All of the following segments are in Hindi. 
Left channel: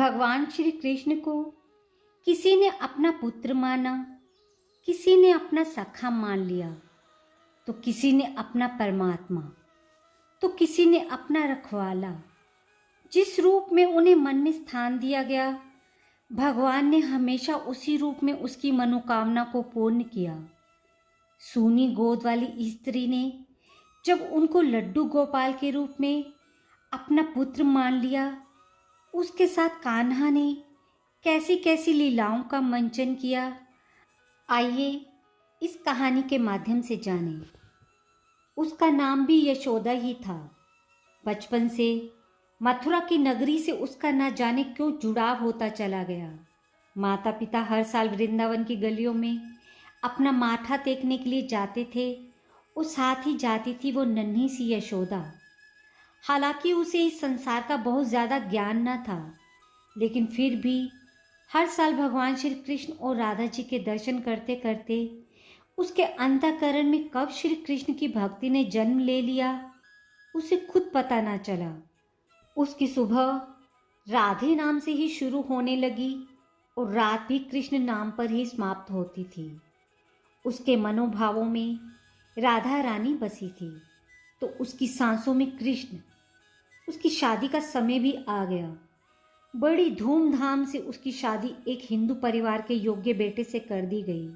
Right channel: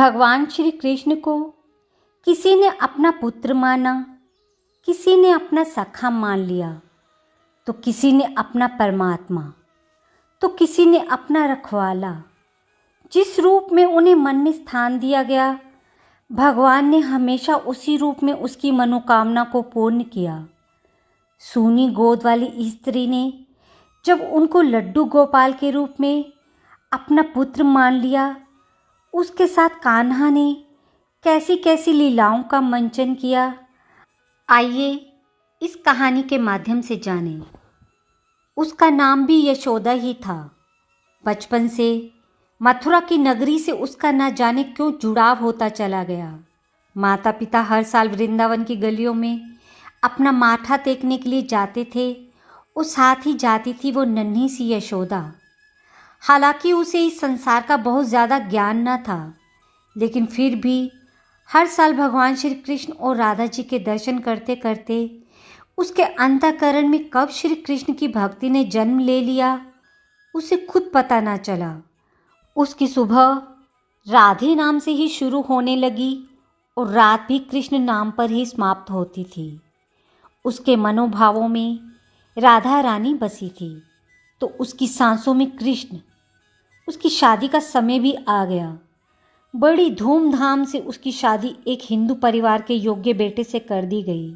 भगवान श्री कृष्ण को किसी ने अपना पुत्र माना, किसी ने अपना सखा मान लिया, तो किसी ने अपना परमात्मा, तो किसी ने अपना रखवाला। जिस रूप में उन्हें मन में स्थान दिया गया, भगवान ने हमेशा उसी रूप में उसकी मनोकामना को पूर्ण किया। सूनी गोद वाली स्त्री ने जब उनको लड्डू गोपाल के रूप में अपना पुत्र मान लिया, उसके साथ कान्हा ने कैसी कैसी लीलाओं का मंचन किया। आइए इस कहानी के माध्यम से जानें। उसका नाम भी यशोदा ही था। बचपन से मथुरा की नगरी से उसका न जाने क्यों जुड़ाव होता चला गया। माता पिता हर साल वृंदावन की गलियों में अपना माथा टेकने के लिए जाते थे और साथ ही जाती थी वो नन्ही सी यशोदा। हालांकि उसे इस संसार का बहुत ज़्यादा ज्ञान न था, लेकिन फिर भी हर साल भगवान श्री कृष्ण और राधा जी के दर्शन करते करते उसके अंतःकरण में कब श्री कृष्ण की भक्ति ने जन्म ले लिया, उसे खुद पता ना चला। उसकी सुबह राधे नाम से ही शुरू होने लगी और रात भी कृष्ण नाम पर ही समाप्त होती थी। उसके मनोभावों में राधा रानी बसी थी, तो उसकी सांसों में कृष्ण। उसकी शादी का समय भी आ गया। बड़ी धूमधाम से उसकी शादी एक हिंदू परिवार के योग्य बेटे से कर दी गई।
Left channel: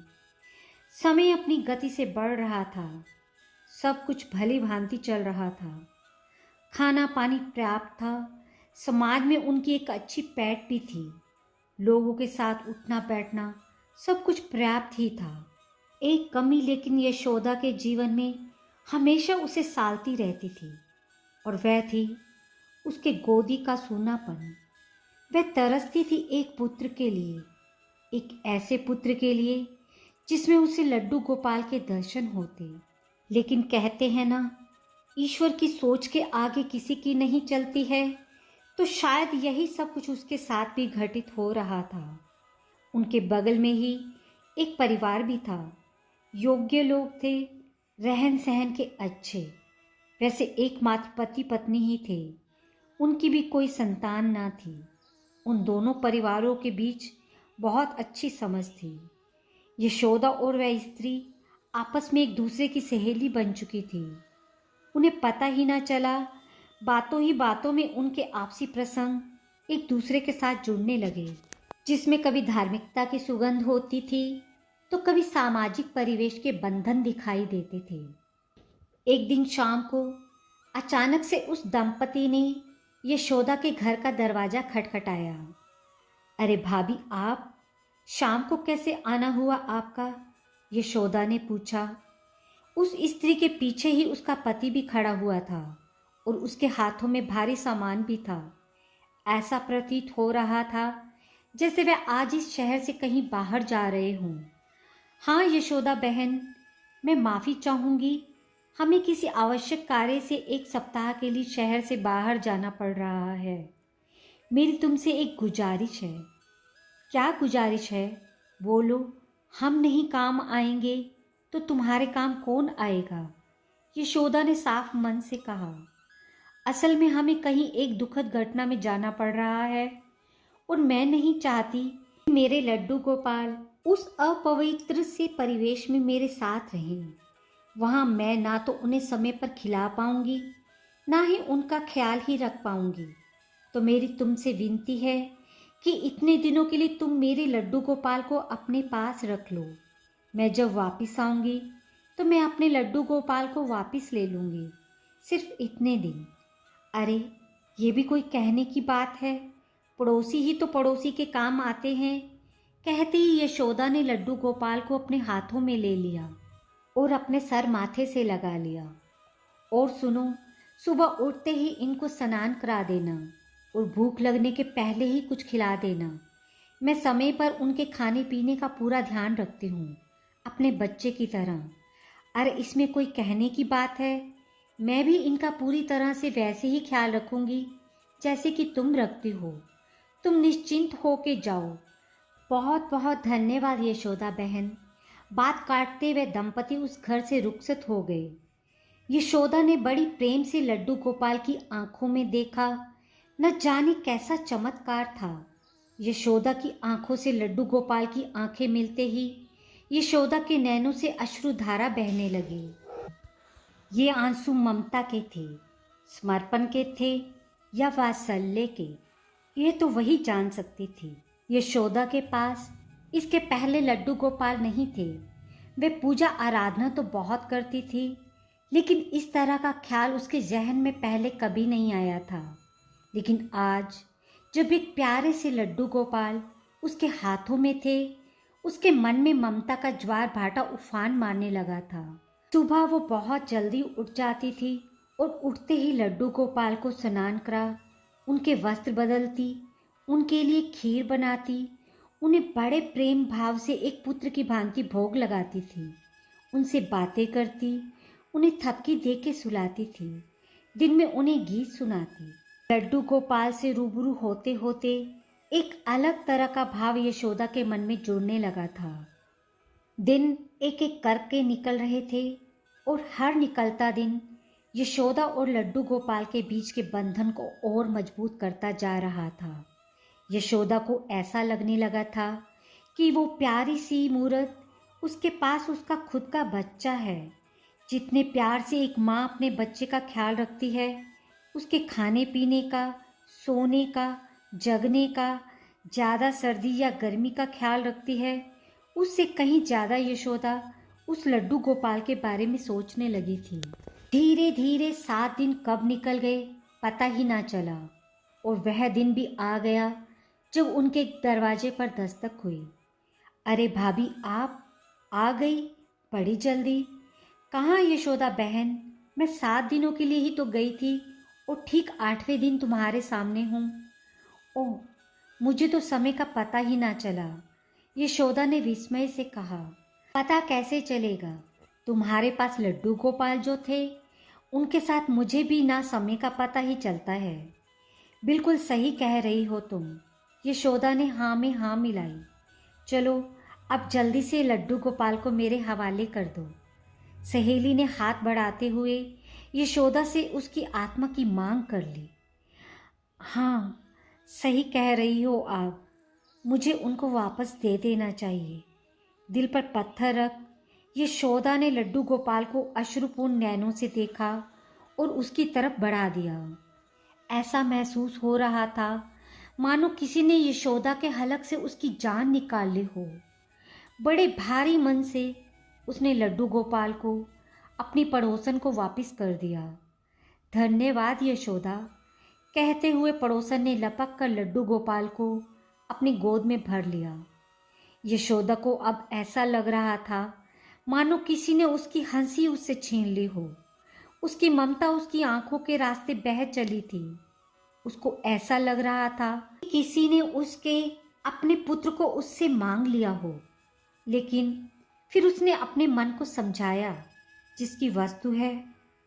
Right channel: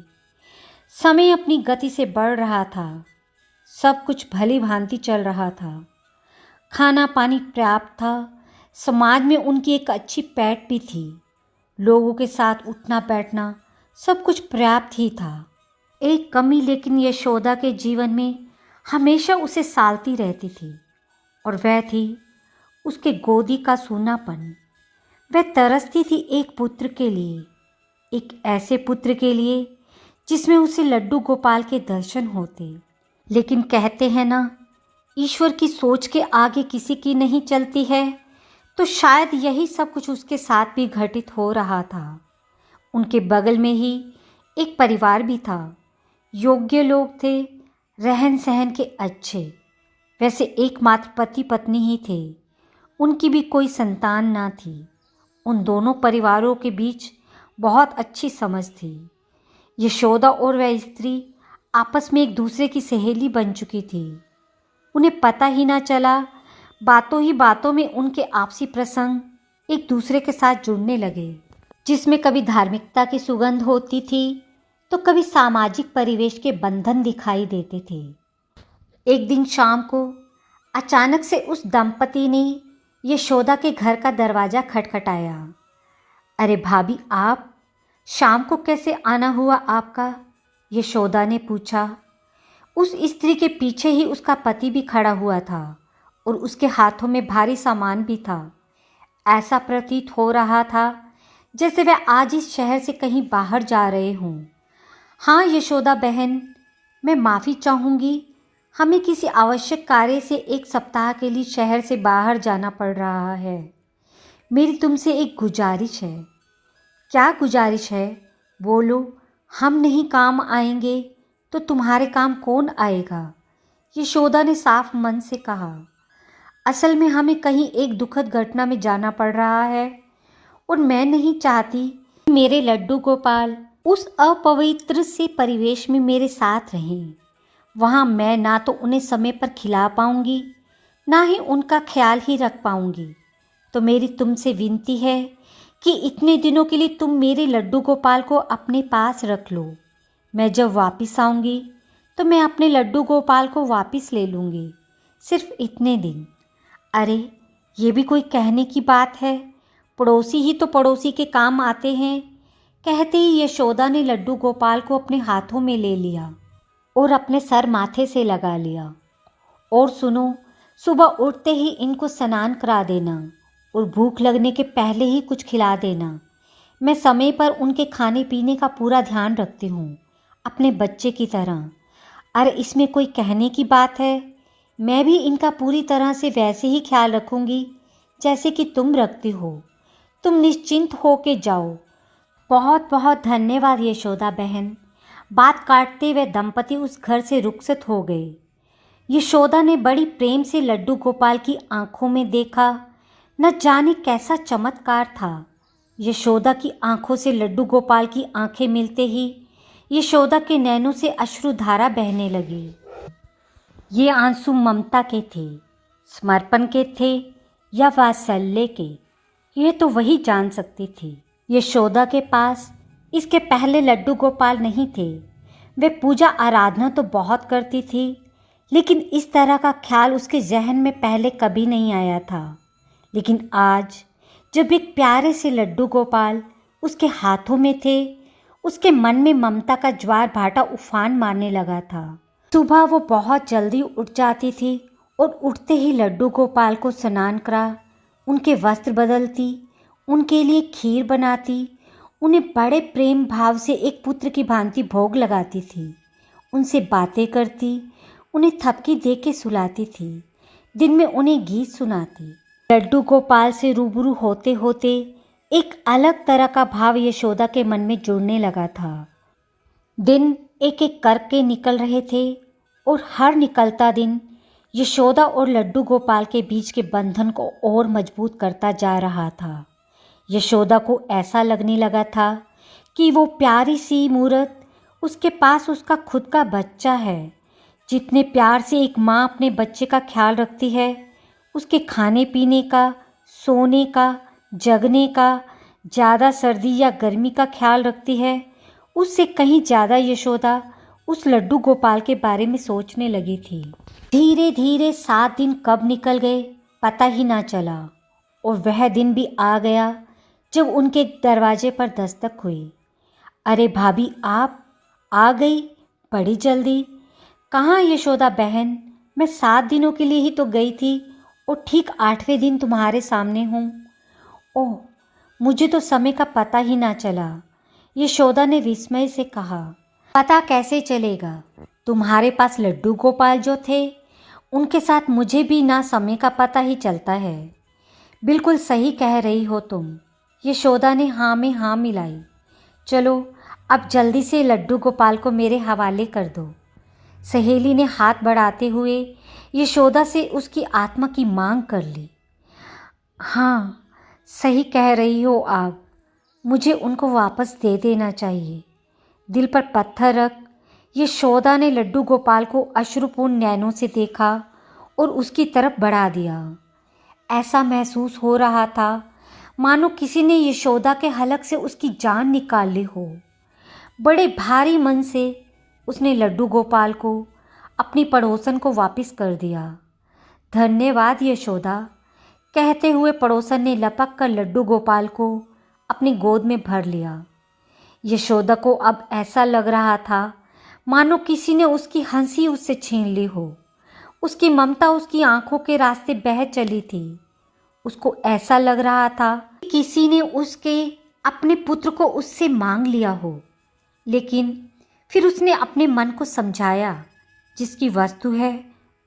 समय अपनी गति से बढ़ रहा था। सब कुछ भली भांति चल रहा था। खाना पानी पर्याप्त था। समाज में उनकी एक अच्छी पैठ भी थी। लोगों के साथ उठना बैठना सब कुछ पर्याप्त ही था। एक कमी लेकिन यशोदा के जीवन में हमेशा उसे सालती रहती थी, और वह थी उसके गोदी का सूनापन। वह तरसती थी एक पुत्र के लिए, एक ऐसे पुत्र के लिए जिसमें उसे लड्डू गोपाल के दर्शन होते। लेकिन कहते हैं ना, ईश्वर की सोच के आगे किसी की नहीं चलती है, तो शायद यही सब कुछ उसके साथ भी घटित हो रहा था। उनके बगल में ही एक परिवार भी था। योग्य लोग थे, रहन सहन के अच्छे। वैसे एकमात्र पति पत्नी ही थे। उनकी भी कोई संतान ना थी। उन दोनों परिवारों के बीच बहुत अच्छी समझ थी। यशोदा और वह स्त्री आपस में एक दूसरे की सहेली बन चुकी थी। उन्हें पता ही ना चला, बातों ही बातों में उनके आपसी प्रसंग एक दूसरे के साथ जुड़ने लगे, जिसमें कभी धार्मिकता की सुगंध होती थी तो कभी सामाजिक परिवेश के बंधन दिखाई देते थे। एक दिन शाम को अचानक से उस दंपति ने यशोदा के घर का दरवाज़ा खटखटाया। अरे भाभी, आप शाम को कैसे आना हुआ आपका? यशोदा ने पूछा। उस स्त्री के पीछे ही उसका पति भी खड़ा हुआ था और उसके हाथों में भारी सामान भी था। ऐसा प्रतीत हो रहा था जैसे वह आज इस शहर से कहीं बाहर जा रहे हों। हाँ यशोदा बहन, मैं माफ़ी चाहूँगी, हमें किसी आवश्यक कार्य से एक सप्ताह के लिए शहर से बाहर जाना पड़ रहा है। मेरी तुमसे एक गुजारिश है। क्या गुजारिश है? बोलो। हम नहीं काम आएंगे तो तुम्हारे काम कौन आएगा? यशोदा ने साफ मन से कहा। असल में हमें कहीं एक दुखद घटना में जाना पड़ रहा है और मैं नहीं चाहती कि मेरे लड्डू गोपाल उस अपवित्र से परिवेश में मेरे साथ रहें। वहाँ मैं ना तो उन्हें समय पर खिला पाऊँगी, ना ही उनका ख्याल ही रख पाऊँगी। तो मेरी तुमसे विनती है कि इतने दिनों के लिए तुम मेरे लड्डू गोपाल को अपने पास रख लो। मैं जब वापस आऊँगी तो मैं अपने लड्डू गोपाल को वापस ले लूँगी। सिर्फ इतने दिन। अरे ये भी कोई कहने की बात है? पड़ोसी ही तो पड़ोसी के काम आते हैं। कहते ही यशोदा ने लड्डू गोपाल को अपने हाथों में ले लिया और अपने सर माथे से लगा लिया। और सुनो, सुबह उठते ही इनको स्नान करा देना और भूख लगने के पहले ही कुछ खिला देना। मैं समय पर उनके खाने पीने का पूरा ध्यान रखती हूँ, अपने बच्चे की तरह। अरे इसमें कोई कहने की बात है? मैं भी इनका पूरी तरह से वैसे ही ख्याल रखूँगी जैसे कि तुम रखती हो। तुम निश्चिंत हो के जाओ। बहुत बहुत धन्यवाद यशोदा बहन। बात काटते वह दंपति उस घर से रुखसत हो गए। यशोदा ने बड़ी प्रेम से लड्डू गोपाल की आंखों में देखा। न जाने कैसा चमत्कार था। यशोदा की आंखों से लड्डू गोपाल की आंखें मिलते ही यशोदा के नैनों से अश्रुधारा बहने लगी। ये आंसू ममता के थे, समर्पण के थे या वात्सल्य के, ये तो वही जान सकती थी। यशोदा के पास इसके पहले लड्डू गोपाल नहीं थे। वे पूजा आराधना तो बहुत करती थी, लेकिन इस तरह का ख्याल उसके जहन में पहले कभी नहीं आया था। लेकिन आज जब एक प्यारे से लड्डू गोपाल उसके हाथों में थे, उसके मन में ममता का ज्वार भाटा उफान मारने लगा था। सुबह वो बहुत जल्दी उठ जाती थी और उठते ही लड्डू गोपाल को स्नान करा, उनके वस्त्र बदलती, उनके लिए खीर बनाती, उन्हें बड़े प्रेम भाव से एक पुत्र की भांति भोग लगाती थी, उनसे बातें करती, उन्हें थपकी दे के सुलाती थी, दिन में उन्हें गीत सुनाती। लड्डू गोपाल से रूबरू होते होते एक अलग तरह का भाव यशोदा के मन में जुड़ने लगा था। दिन एक एक करके निकल रहे थे और हर निकलता दिन यशोदा और लड्डू गोपाल के बीच के बंधन को और मजबूत करता जा रहा था। यशोदा को ऐसा लगने लगा था कि वो प्यारी सी मूरत उसके पास उसका खुद का बच्चा है। जितने प्यार से एक माँ अपने बच्चे का ख्याल रखती है, उसके खाने पीने का, सोने का, जगने का, ज़्यादा सर्दी या गर्मी का ख्याल रखती है, उससे कहीं ज़्यादा यशोदा उस लड्डू गोपाल के बारे में सोचने लगी थी। धीरे धीरे 7 दिन कब निकल गए पता ही ना चला, और वह दिन भी आ गया जब उनके दरवाजे पर दस्तक हुई। अरे भाभी, आप आ गई बड़ी जल्दी। कहाँ यशोदा बहन, मैं 7 दिनों के लिए ही तो गई थी और ठीक 8वें दिन तुम्हारे सामने हूँ। ओह, मुझे तो समय का पता ही ना चला, यशोदा ने विस्मय से कहा। पता कैसे चलेगा, तुम्हारे पास लड्डू गोपाल जो थे उनके साथ मुझे भी ना समय का पता ही चलता है। बिल्कुल सही कह रही हो तुम, यशोदा ने हाँ में हाँ मिलाई। चलो अब जल्दी से लड्डू गोपाल को मेरे हवाले कर दो। सहेली ने हाथ बढ़ाते हुए यशोदा से उसकी आत्मा की मांग कर ली। हाँ, सही कह रही हो आप, मुझे उनको वापस दे देना चाहिए। दिल पर पत्थर रख यशोदा ने लड्डू गोपाल को अश्रुपूर्ण नैनों से देखा और उसकी तरफ बढ़ा दिया। ऐसा महसूस हो रहा था मानो किसी ने यशोदा के हलक से उसकी जान निकाल ली हो। बड़े भारी मन से उसने लड्डू गोपाल को अपनी पड़ोसन को वापस कर दिया। धन्यवाद यशोदा, कहते हुए पड़ोसन ने लपक कर लड्डू गोपाल को अपनी गोद में भर लिया। यशोदा को अब ऐसा लग रहा था मानो किसी ने उसकी हंसी उससे छीन ली हो। उसकी ममता उसकी आंखों के रास्ते बह चली थी। उसको ऐसा लग रहा था कि किसी ने उसके अपने पुत्र को उससे मांग लिया हो। लेकिन फिर उसने अपने मन को समझाया, जिसकी वस्तु है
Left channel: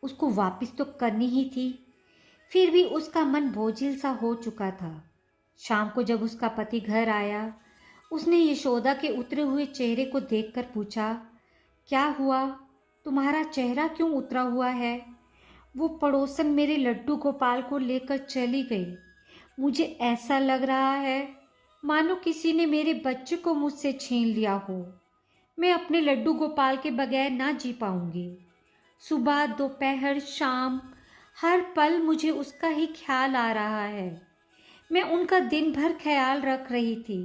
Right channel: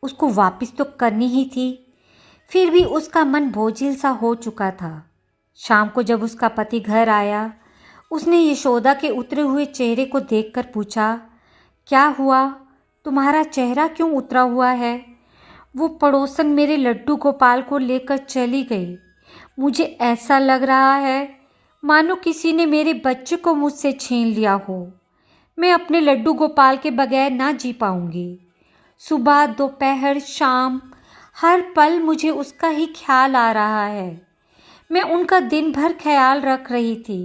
उसको वापस तो करनी ही थी। फिर भी उसका मन बोझिल सा हो चुका था। शाम को जब उसका पति घर आया, उसने यशोदा के उतरे हुए चेहरे को देखकर पूछा, क्या हुआ, तुम्हारा चेहरा क्यों उतरा हुआ है? वो पड़ोसन मेरे लड्डू गोपाल को लेकर चली गई। मुझे ऐसा लग रहा है मानो किसी ने मेरे बच्चे को मुझसे छीन लिया हो। मैं अपने लड्डू गोपाल के बगैर ना जी पाऊंगी। सुबह, दोपहर, शाम, हर पल मुझे उसका ही ख्याल आ रहा है। मैं उनका दिन भर ख्याल रख रही थी।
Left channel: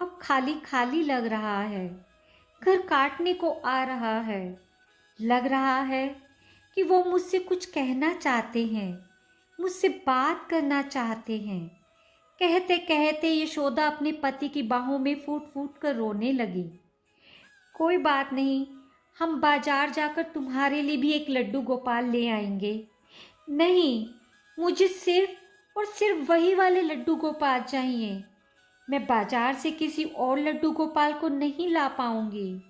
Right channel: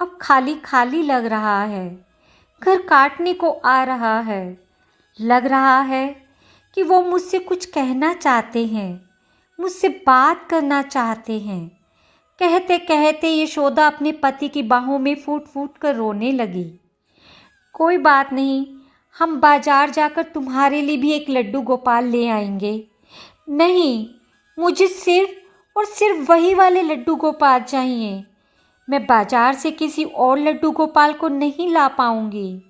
अब खाली खाली लग रहा है, घर काटने को आ रहा है। लग रहा है कि वो मुझसे कुछ कहना चाहते हैं, मुझसे बात करना चाहते हैं। कहते कहते यशोदा अपने पति की बाहों में फूट फूट कर रोने लगी। कोई बात नहीं, हम बाजार जाकर तुम्हारे लिए भी एक लड्डू गोपाल ले आएंगे। नहीं, मुझे सिर्फ और सिर्फ वही वाले लड्डू गोपाल चाहिए। मैं बाजार से किसी और लड्डू गोपाल को नहीं ला पाऊंगी।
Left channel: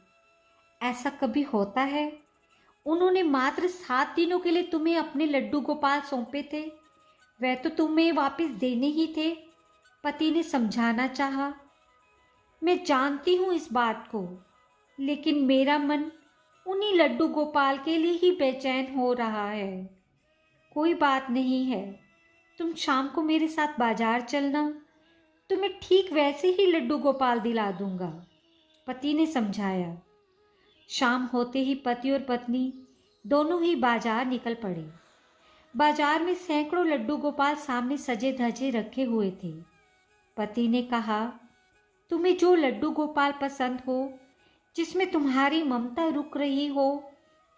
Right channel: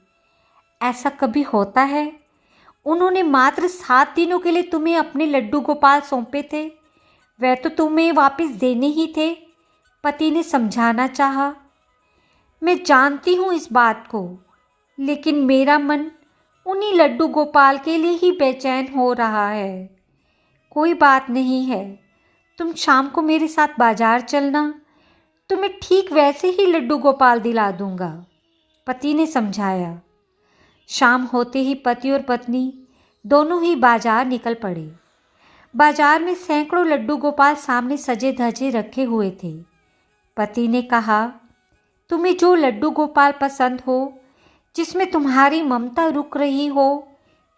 ऐसा कभी होता है? उन्होंने मात्र 7 दिनों के लिए तुम्हें अपने लड्डू गोपाल सौंपे थे, वह तो तुम्हें वापस देने ही थे, पति ने समझाना चाहा। मैं जानती हूँ इस बात को, लेकिन मेरा मन उन्हीं लड्डू गोपाल के लिए ही बेचैन हो रहा है। कोई बात नहीं है, तुम शाम को मेरे साथ बाजार चलना, तुम्हें ठीक वैसे ही लड्डू गोपाल दिला दूंगा, पति ने समझाया। शाम होते ही पति और पत्नी दोनों ही बाजार निकल पड़े। बाजार में सैकड़ों लड्डू गोपाल सामने सजे धजे रखे हुए थे। पति ने कहा, तुम्हें जो लड्डू गोपाल पसंद हो, जिसमें तुम्हारी ममता रुक रही हो,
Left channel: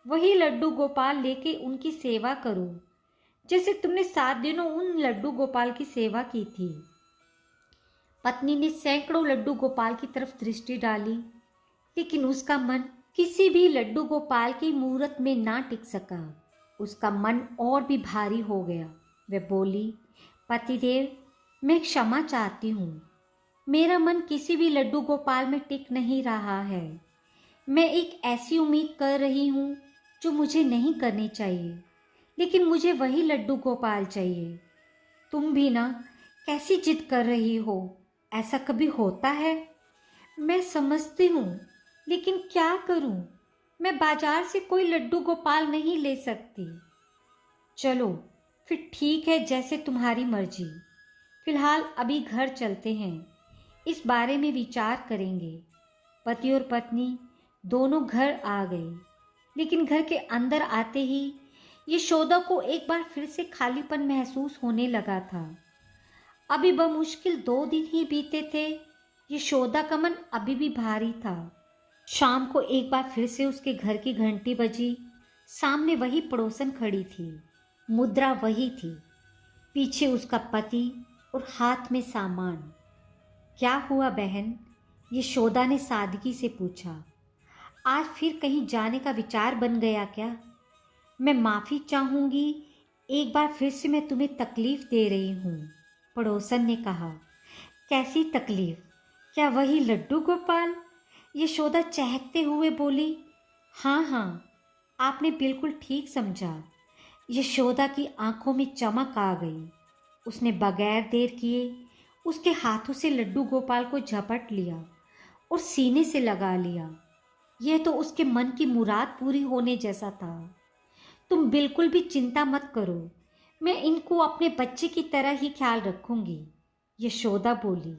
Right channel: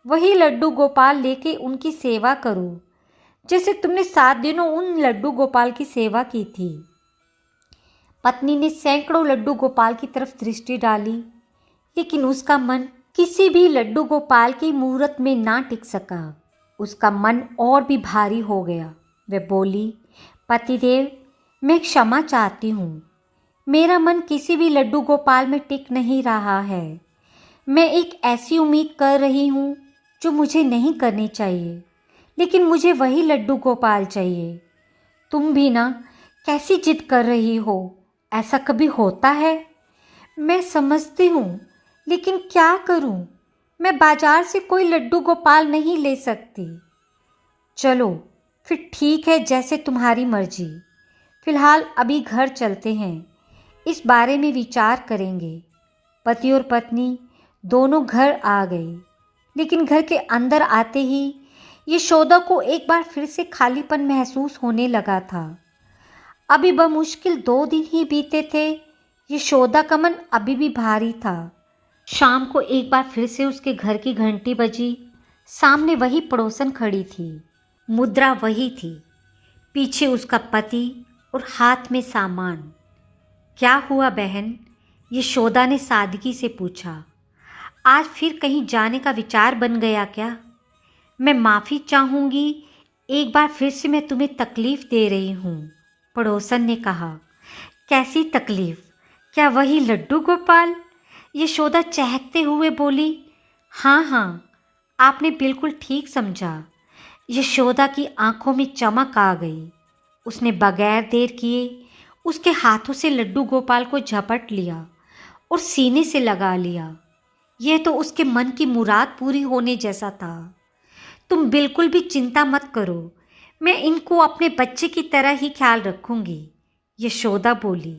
वही लड्डू गोपाल लेके उनकी सेवा करो, जैसे तुमने 7 दिनों उन लड्डू गोपाल की सेवा की थी। पत्नी ने सैकड़ों लड्डू गोपाल की तरफ दृष्टि डाली, लेकिन उसका मन किसी भी लड्डू गोपाल की मूरत में ना टिक सका। उसका मन और भी भारी हो गया। वह बोली, पतिदेव, मैं क्षमा चाहती हूँ। मेरा मन किसी भी लड्डू गोपाल में टिक नहीं रहा है। मैं एक ऐसी उम्मीद कर रही हूँ जो मुझे नहीं करनी चाहिए, लेकिन मुझे वही लड्डू गोपाल चाहिए। तुम भी ना कैसी जिद कर रही हो, ऐसा कभी होता है? मैं समझती हूँ, लेकिन क्या करूँ? मैं बाजार से कोई लड्डू गोपाल नहीं ले सकती। चलो फिर ठीक है, जैसे तुम्हारी मर्जी। फिलहाल अभी घर चलते हैं, इस बारे में विचार करेंगे। पति और पत्नी दोनों घर आ गए, लेकिन घर के अंदर आते ही यशोदा को एक बार फिर से खालीपन महसूस होने लगा था। अभी बमुश्किल 2 दिन ही बीते थे। यशोदा का मन अभी भी भारी था। शाम को एक बार फिर से उसके घर की घंटी बजी। सामने वही पड़ोसन खड़ी थी, मुद्रा वही थी, पीछे उसका पति और हाथ में सामान। क्या हुआ बहन? यशोदा ने सादगी से पूछा। आज फिर कहीं जाने का विचार बन गया क्या? मैं माफ़ी चाहूँगी, एक बार फिर से मैं तुम्हें तकलीफ़ दे रही हूँ, पड़ोसन ने कहा। कैसी तकलीफ़? क्या वही लड्डू गोपाल? यशोदा चहकते हुए बोली। हाँ हाँ, आपने बिल्कुल ठीक समझा। यशोदा की आंखों में चमक आ गई। उसने बगैर देर किए उसके हाथों से लड्डू गोपाल को झपट लिया और सीने से लगा लिया। यह तो उसके मन की मुराद पूरी होने जैसा था। तुम बिल्कुल भी चिंता मत करो, मैं इनको अपने बच्चे की तरह ही ख्याल रखूंगी, यशोदा बोली।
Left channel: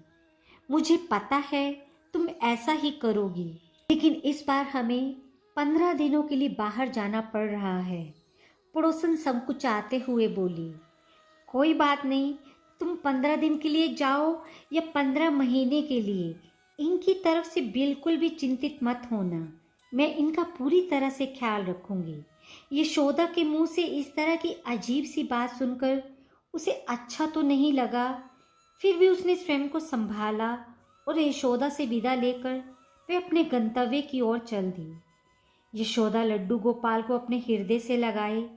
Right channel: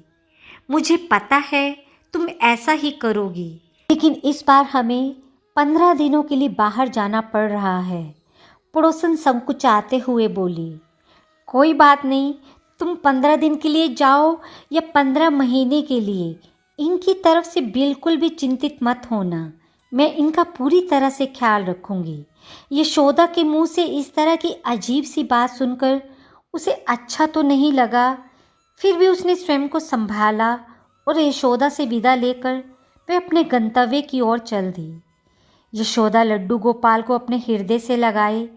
मुझे पता है तुम ऐसा ही करोगी, लेकिन इस बार हमें 15 दिनों के लिए बाहर जाना पड़ रहा है, पड़ोसन संकुचाते हुए बोली। कोई बात नहीं, तुम 15 दिन के लिए जाओ या 15 महीने के लिए, इनकी तरफ से बिल्कुल भी चिंतित मत होना। मैं इनका पूरी तरह से ख्याल रखूंगी। यशोदा के मुंह से इस तरह की अजीब सी बात सुनकर उसे अच्छा तो नहीं लगा। फिर भी उसने स्वयं को संभाला और यशोदा से विदा लेकर वह अपने गंतव्य की ओर चल दी। यशोदा लड्डू गोपाल को अपने हृदय से लगाए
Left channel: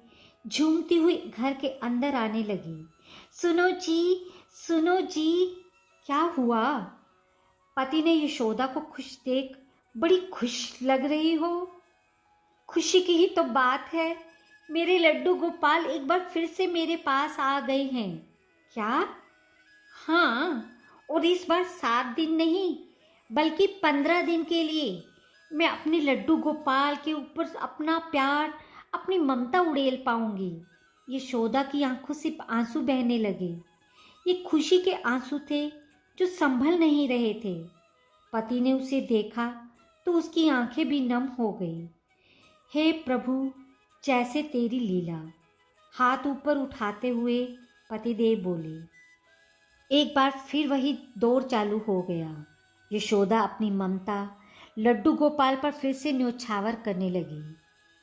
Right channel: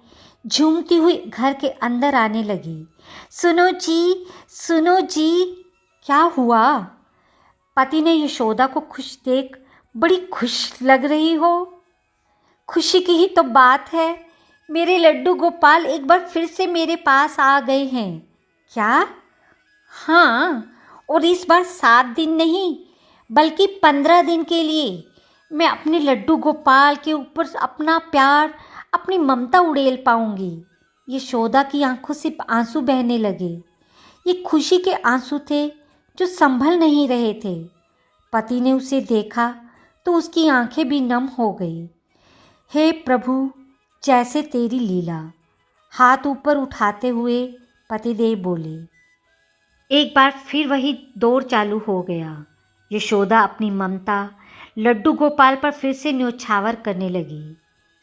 झूमती हुई घर के अंदर आने लगी। सुनो जी, सुनो जी। क्या हुआ? पति ने यशोदा को खुश देख, बड़ी खुश लग रही हो। खुशी की ही तो बात है, मेरे लड्डू गोपाल एक बार फिर से मेरे पास आ गए हैं। क्या? हाँ, और इस बार 7 दिन नहीं बल्कि 15 दिन के लिए मैं अपने लड्डू गोपाल के ऊपर अपना प्यार, अपनी ममता उड़ेल पाऊंगी। यशोदा की आंखों से आंसू बहने लगे। ये खुशी के आंसू थे जो संभल नहीं रहे थे। पति ने उसे देखा तो उसकी आंखें भी नम हो गई। हे प्रभु, जैसे तेरी लीला, हाथ ऊपर उठाते हुए पतिदेव बोले। एक बार फिर वही दौर चालू हो गया। यशोदा अपनी ममता लड्डू गोपाल पर फिर से न्योछावर करने लगी।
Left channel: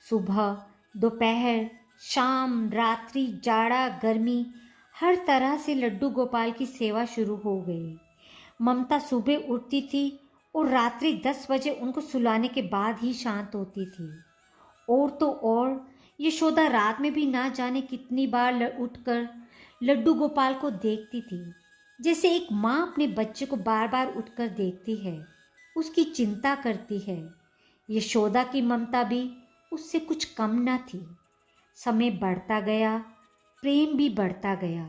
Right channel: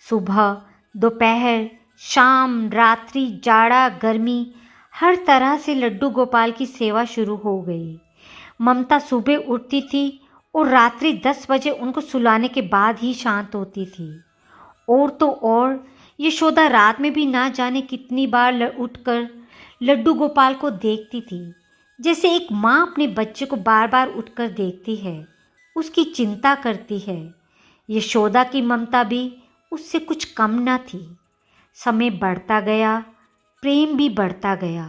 सुबह, दोपहर, शाम, रात्रि, जाड़ा, गर्मी, हर तरह से लड्डू गोपाल की सेवा शुरू हो गई। ममता सुबह उठती थी और रात्रि 10 बजे उनको सुलाने के बाद ही शांत होती थी। और तो और यशोदा रात में भी ना जाने कितनी बार उठकर लड्डू गोपाल को देखती थी, जैसे एक माँ अपने बच्चे को बार बार उठकर देखती है, उसकी चिंता करती है। यशोदा की ममता भी उससे कुछ कम न थी। समय बढ़ता गया, प्रेम भी बढ़ता गया।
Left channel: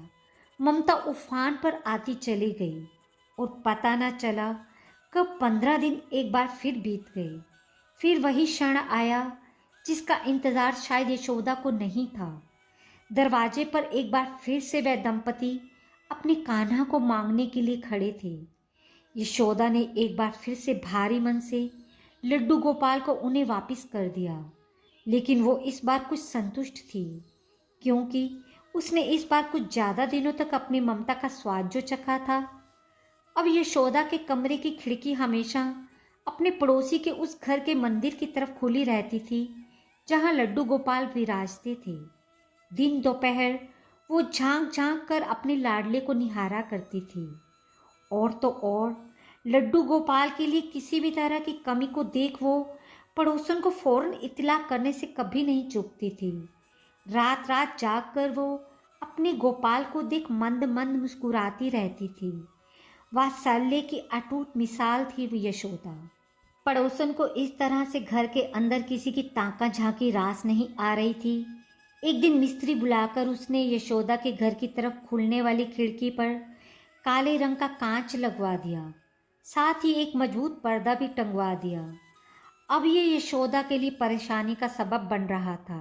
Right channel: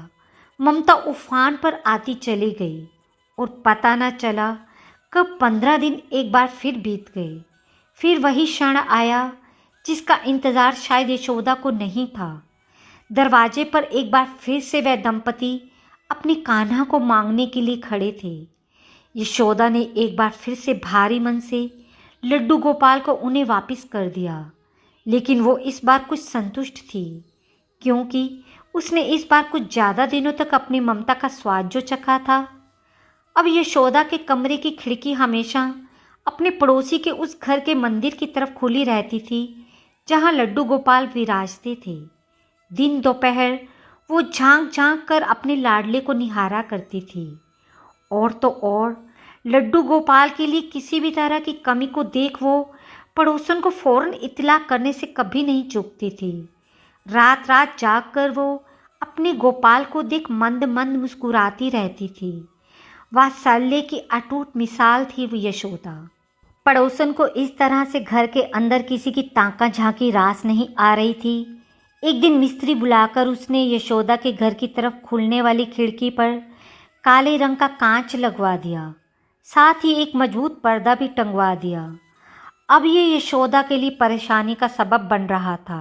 ममता उफान पर आती चली गई और पता न चला कब 15 दिन एक बार फिर बीत गए। फिर वही क्षण आया जिसका इंतज़ार शायद यशोदा को नहीं था। दरवाजे पर एक बार फिर से वह दंपति अपने कान्हा को मांगने के लिए खड़े थे। यशोदा ने एक बार फिर से भारी मन से लड्डू गोपाल को उन्हें वापस कर दिया, लेकिन वो इस बार कुछ संतुष्ट थी, क्योंकि उसने इस बार कुछ ज़्यादा दिनों तक अपनी ममता का स्वाद जो चखा था। अब यशोदा के कमरे की खिड़की हमेशा अपने पड़ोसी के उस घर के मंदिर की तरफ खुली रहती थी जहाँ लड्डू गोपाल विराजते थे। दिन दोपहर वो झांक झांक कर अपने लाडले को निहारा करती थी। और तो और लड्डू गोपाल के लिए किसी भी तरह की कमी को देख वो पड़ोसन को फौरन इत्तला करने से कभी नहीं चूकती थी। रात रात जाग कर वो अपने गोपाल को देख मंद मंद मुस्कुराती रहती थी। वात्सल्य की अटूट मिसाल थी वो यशोदा। पड़ोसन को इस तरह से घर के अंदर किसी की ताका झांकी रास नहीं आ रही थी। एक दिन मिस्त्री बुलाकर उसने यशोदा के घर की तरफ खुलने वाली खिड़की पर काले रंग का कांच लगवा दिया, साथ ही एक मजबूत पर्दा भी टंगवा दिया। अब ये यशोदा के लिए परेशानी का सबब बन रहा था।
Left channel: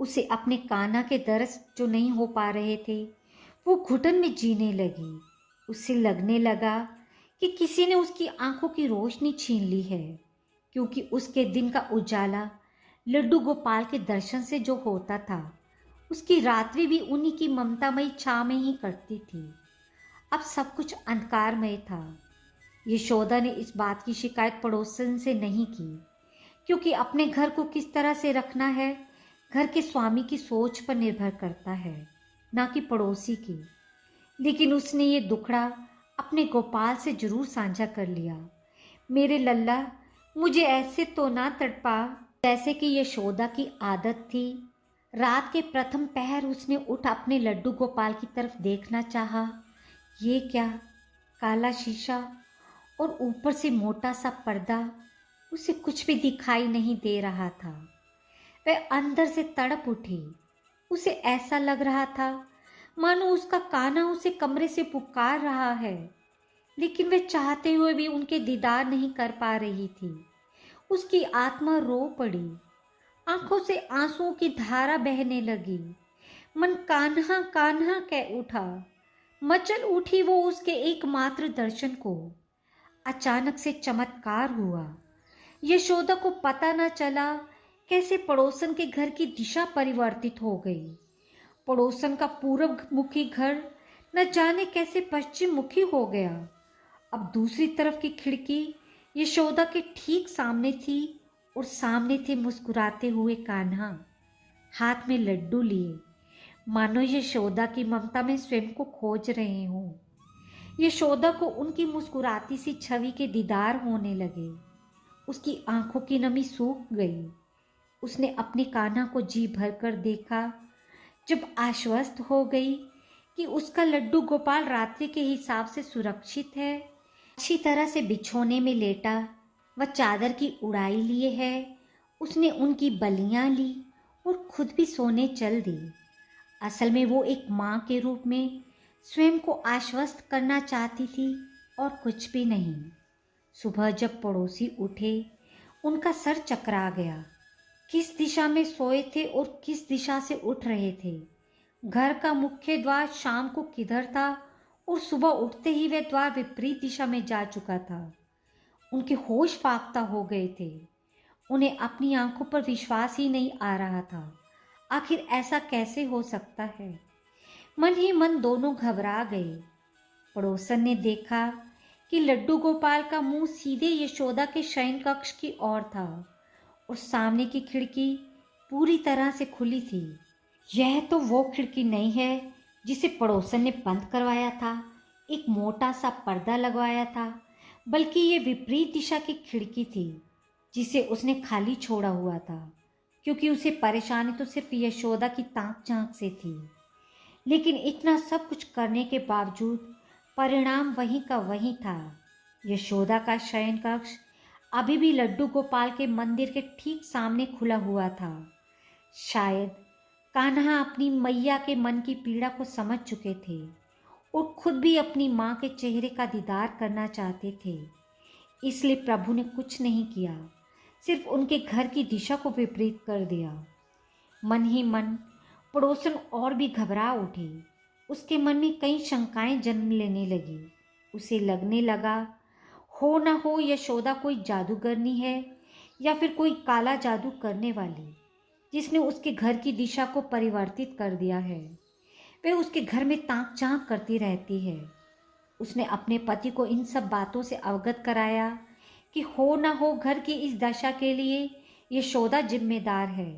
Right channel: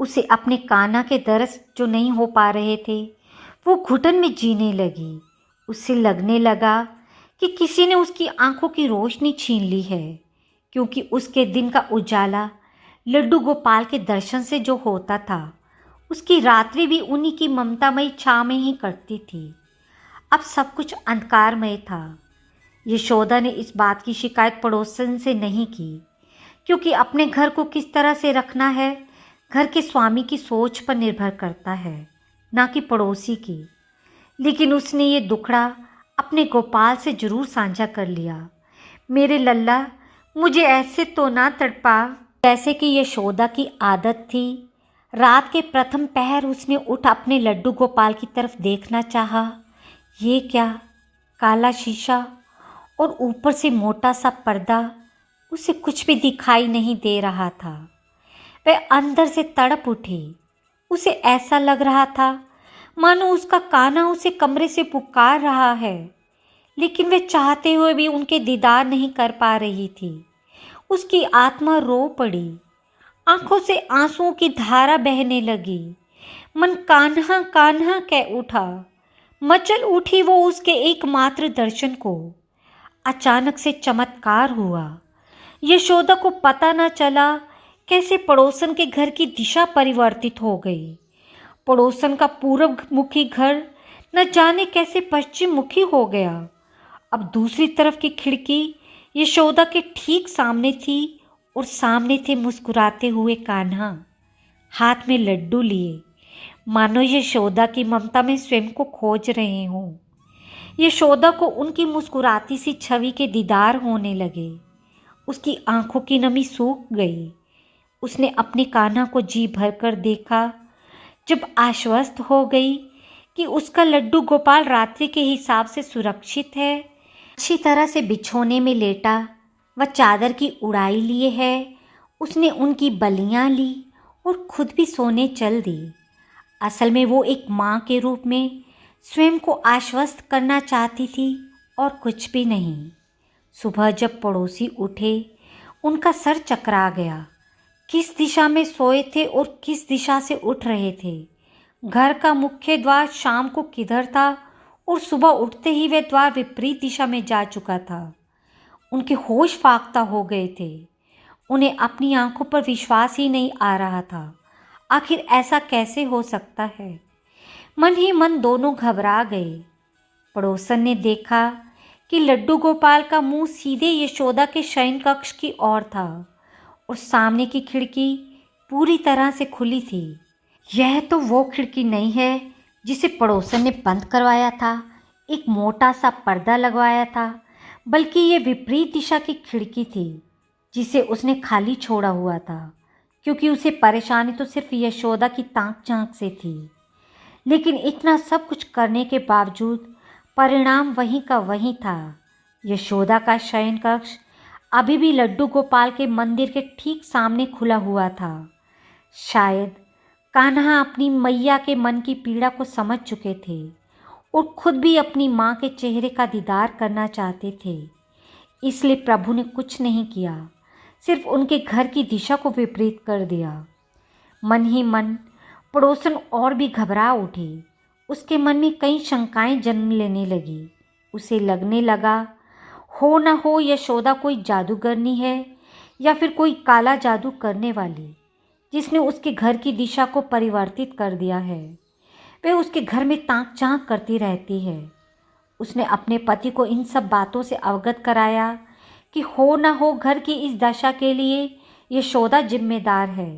उसे अपने कान्हा के दर्श जो नहीं हो पा रहे थे, वो घुटन में जीने लगी। उससे लगने लगा कि किसी ने उसकी आंखों की रोशनी छीन ली है, क्योंकि उसके दिन का उजाला लड्डू गोपाल के दर्शन से जो होता था, उसकी रात्रि भी उन्हीं की ममतामयी छाँव में ही कटती थी। अब सब कुछ अंधकारमय था। यशोदा ने इस बात की शिकायत पड़ोसन से नहीं की, क्योंकि अपने घर को किस तरह से रखना है घर के स्वामी की सोच पर निर्भर करता है, ना कि पड़ोसी की। लेकिन उसने ये दुखड़ा अपने गोपाल से जरूर साझा कर लिया। मेरे लल्ला, मुझे ऐसे तो ना तड़पा। जैसे कि यशोदा की आदत थी, रात के प्रथम पहर उसने उठ अपने लड्डू गोपाल की तरफ देखना चाहा। ये क्या, काला शीशा और ऊपर से मोटा सा पर्दा, उसे कुछ भी दिखाई नहीं दे रहा था। वह अंदर से तड़प उठी। उसे ऐसा लग रहा था मानो उसका कान्हा उसे कमरे से पुकार रहा है, लेकिन वह चाहते हुए भी उनके दीदार नहीं कर पा रही थी। उसकी आत्मा रो पड़ी, आंखों से आंसुओं की धारा बहने लगी। मन कान्हा कान्हा कह उठा। मचल उठी वो उसके एकमात्र दर्शन को। अचानक से चमत्कार हुआ। यशोदा को पता न चला कैसे पड़ोसन के घर की दिशा परिवर्तित हो गई। पड़ोसन का पूर्व मुखी घर न जाने कैसे पश्चिम मुखी हो गया। अब दूसरी तरफ की खिड़की यशोदा के ठीक सामने थी और सामने थे मुस्कुराते हुए कान्हा, हाथ में लड्डू लिए, मानो यशोदा की ममता में स्वयं को खोज रहे हों। यशोदा को उनकी मुस्कुराती सी छवि के दीदार होने लगे। उसकी आंखों की नमी सूख गई। उसने अपने कान्हा को जी भरकर देखा। जब आश्वस्त हो गई कि उसका लड्डू गोपाल रात्रि के हिसाब से सुरक्षित है, अच्छी तरह से बिछोने में लेटा व चादर की उड़ाई लिए है, उसने उनकी बलियां ली और खुद भी सोने चल दी। असल में वो एक माँ के रूप में स्वयं को आश्वस्त करना चाहती थी और कुछ भी नहीं। सुबह जब पड़ोसी उठे, उनका सर चकरा गया। किस दिशा में सोए थे और किस दिशा से उठ रहे थे। घर का मुख्य द्वार शाम को किधर था और सुबह उठते ही वह द्वार विपरीत दिशा में जा चुका था। उनके होश फाख्ता हो गए थे। उन्हें अपनी आंखों पर विश्वास ही नहीं आ रहा था। आखिर ऐसा कैसे हो सकता है। मन ही मन दोनों घबरा गए। पड़ोसन ने देखा कि लड्डू गोपाल का मुंह सीधे यशोदा के शयन कक्ष की ओर था और सामने की खिड़की पूरी तरह से खुली थी। यह तो वो खिड़की नहीं है जिसे पड़ोसन ने बंद करवाया था, एक मोटा सा पर्दा लगवाया था, बल्कि ये विपरीत दिशा की खिड़की थी जिसे उसने खाली छोड़ा हुआ था, क्योंकि उसे परेशानी तो सिर्फ यशोदा की ताक झांक से थी। लेकिन इतना सब कुछ करने के बावजूद परिणाम वहीं का वहीं था। यशोदा का शयन कक्ष अभी भी लड्डू गोपाल के मंदिर के ठीक सामने खुला हुआ था। शायद कान्हा अपनी मैया के मन की पीड़ा को समझ चुके थे और खुद भी अपनी माँ के चेहरे का दीदार करना चाहते थे। इसलिए प्रभु ने कुछ नहीं किया, सिर्फ उनके घर की दिशा को विपरीत कर दिया। मन ही मन पड़ोसन और भी घबरा उठी। उसके मन में कई शंकाएं जन्म लेने लगी। उसे लगने लगा हो न हो यशोदा कोई जादूगरनी है या फिर कोई काला जादू करने वाली, जिसने उसके घर की दिशा को परिवर्तित कर दिया है। वह उसके घर में ताक झांक करती रहती है। उसने अपने पति को इन सब बातों से अवगत कराया कि हो न हो घर की इस दशा के लिए यशोदा जिम्मेदार है।